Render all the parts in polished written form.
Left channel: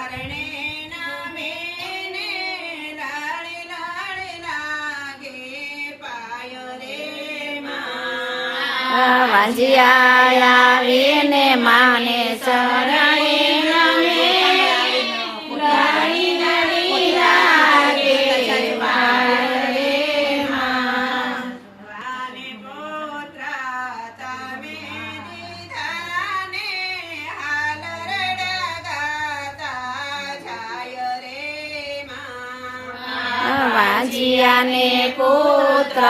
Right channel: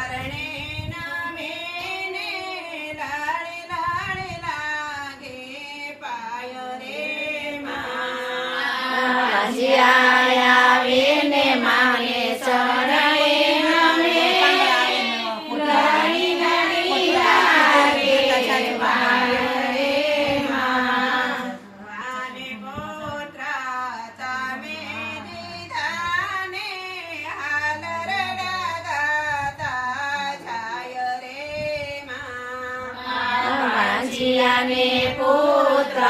શરણે નામે ને લાડે લાડે લાગે પાય રે માં વાંજિયા આવીને માને શરણે નમે લાડી લાડી લાગે પાય રે માં વાને પુત્ર તમે દીધા ને હાલ રડા ગાતા જાય રે માં વાંજિયાને પુત્ર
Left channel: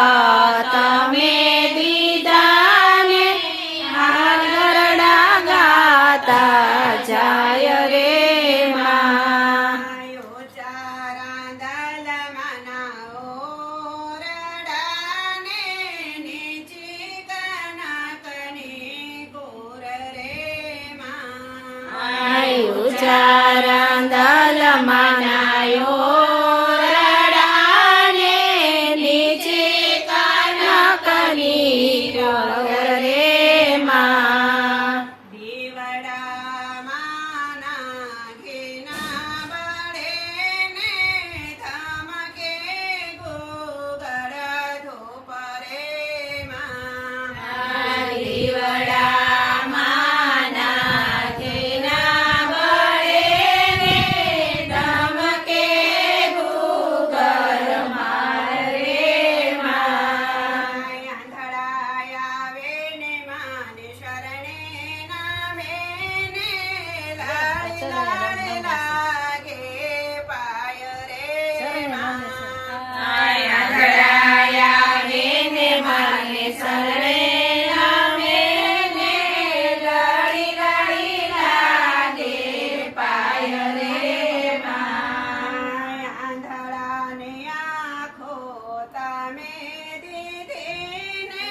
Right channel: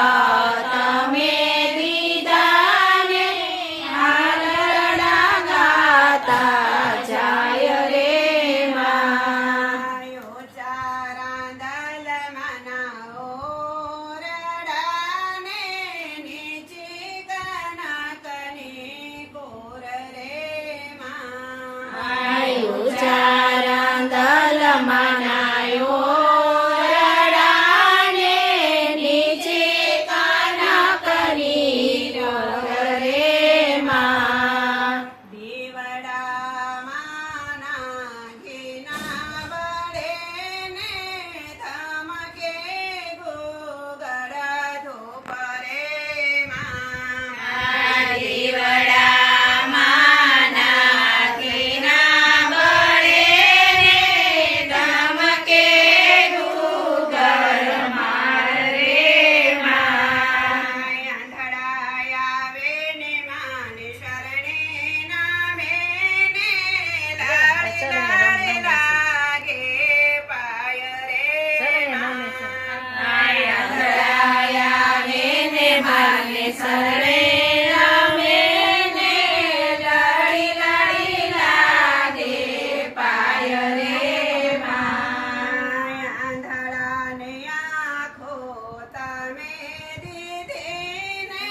તમે દીધા ને હાલ ગરડા ગાતા જાય રે માં આયો ચારાંદલ મનાઓ રડાને નીચી કનકની ગોર રે માં આયુ ચારાંદલ મનાયો રડાને નીચે કાનકની ગોર રે માં દીવડા માના ઘીના બળે ને ધમકે ગોગળ ધૂપ રે માં દીવડા માના ઘીના બળે ને ધમકે ગોગળ માર રે માં આંધળા આવે ને માને શરણે નામે ને લાડે લાડે લાગે પાય રે માં આંધળાયા વેને માને શરણે નમે ને લાડી લાડી લાગે પાય રે માં આંધળાને આંખો તમે દીધી ને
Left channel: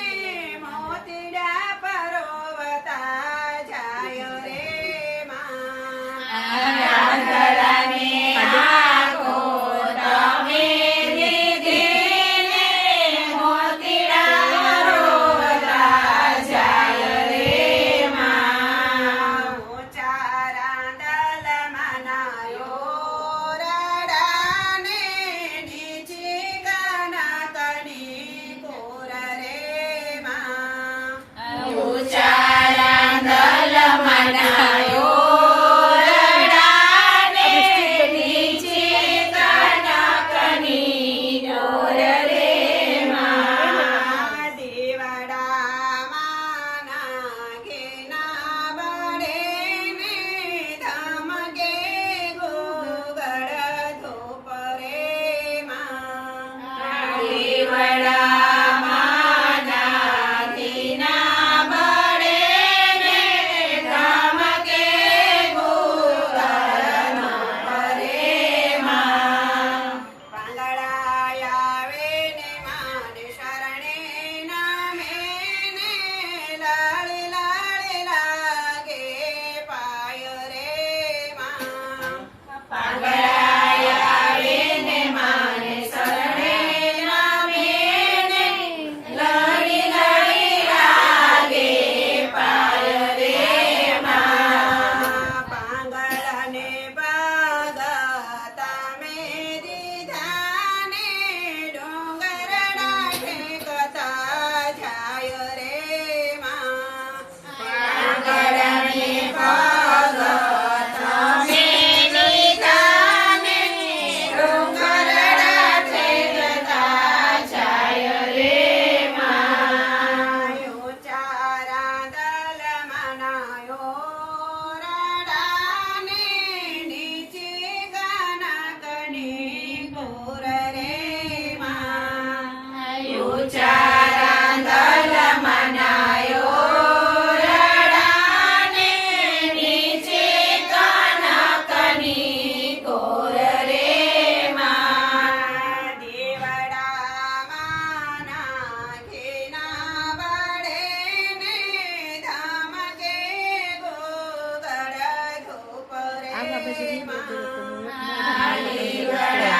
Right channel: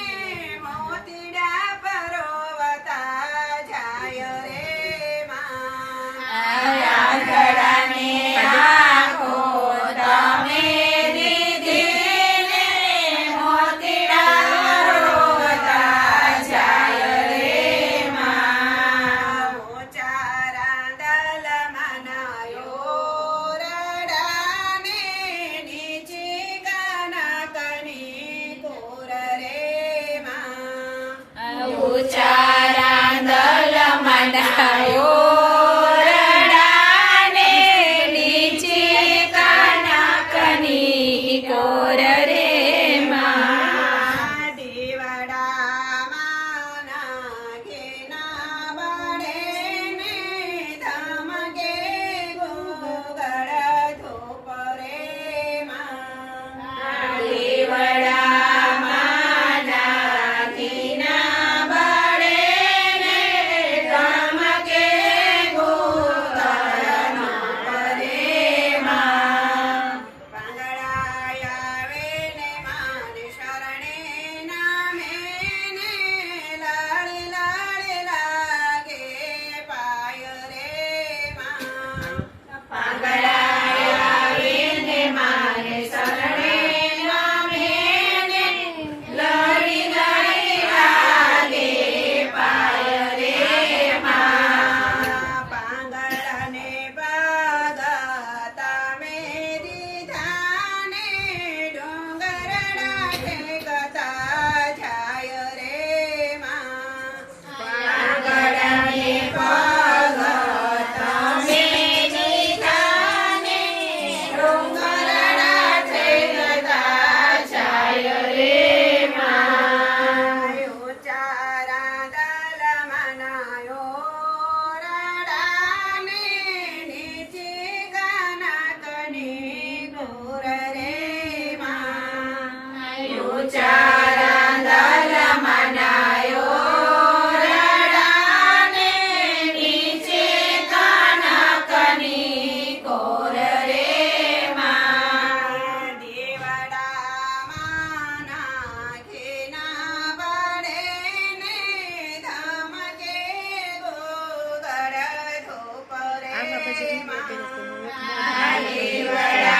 મોતીડા પરોવતા જાય રે માં આંધળાને આંખો તમે દીધી ને મોતીડા રોવતા જાય રે માં ઊંચા રાંદલ મનાયો રડાને નીચી કનકની કોર રે માં ઉચારાંદલ મનાયો રડાને નીચે કનકની ગોર રે માં દીવડા માના ઘીના બળે ને ધમકે ગોગળ ધૂપ રે માં દીવડા માના ઘીના બળે ને ધમકે ગોગળ રે માં પાંગળા આવે ને માને શરણે નામે ને લાડે લાડે લાગે પાય રે માં પાંગળાયા વેને માને શરણે નમે ને લડી લડી લાગે પાય રે માં પાંગળાને પગ તમે દીધા ને ડોંગરડા ઠેકતા જાય રે માં પાંગળાને પગ તમે દીધા ને ડુંગરડા ઠેકતા જાય રે માં ઊંચા રાંદલ મનાયો રડાને નીચી કનકની ગોર રે માં ઉચારાંદલ મનાયો રડાને નીચે કનકની કોર રે માં દીવડા માના ઘીના બળે ને ધમકે ગોગળ ધૂપ રે માં દીવડા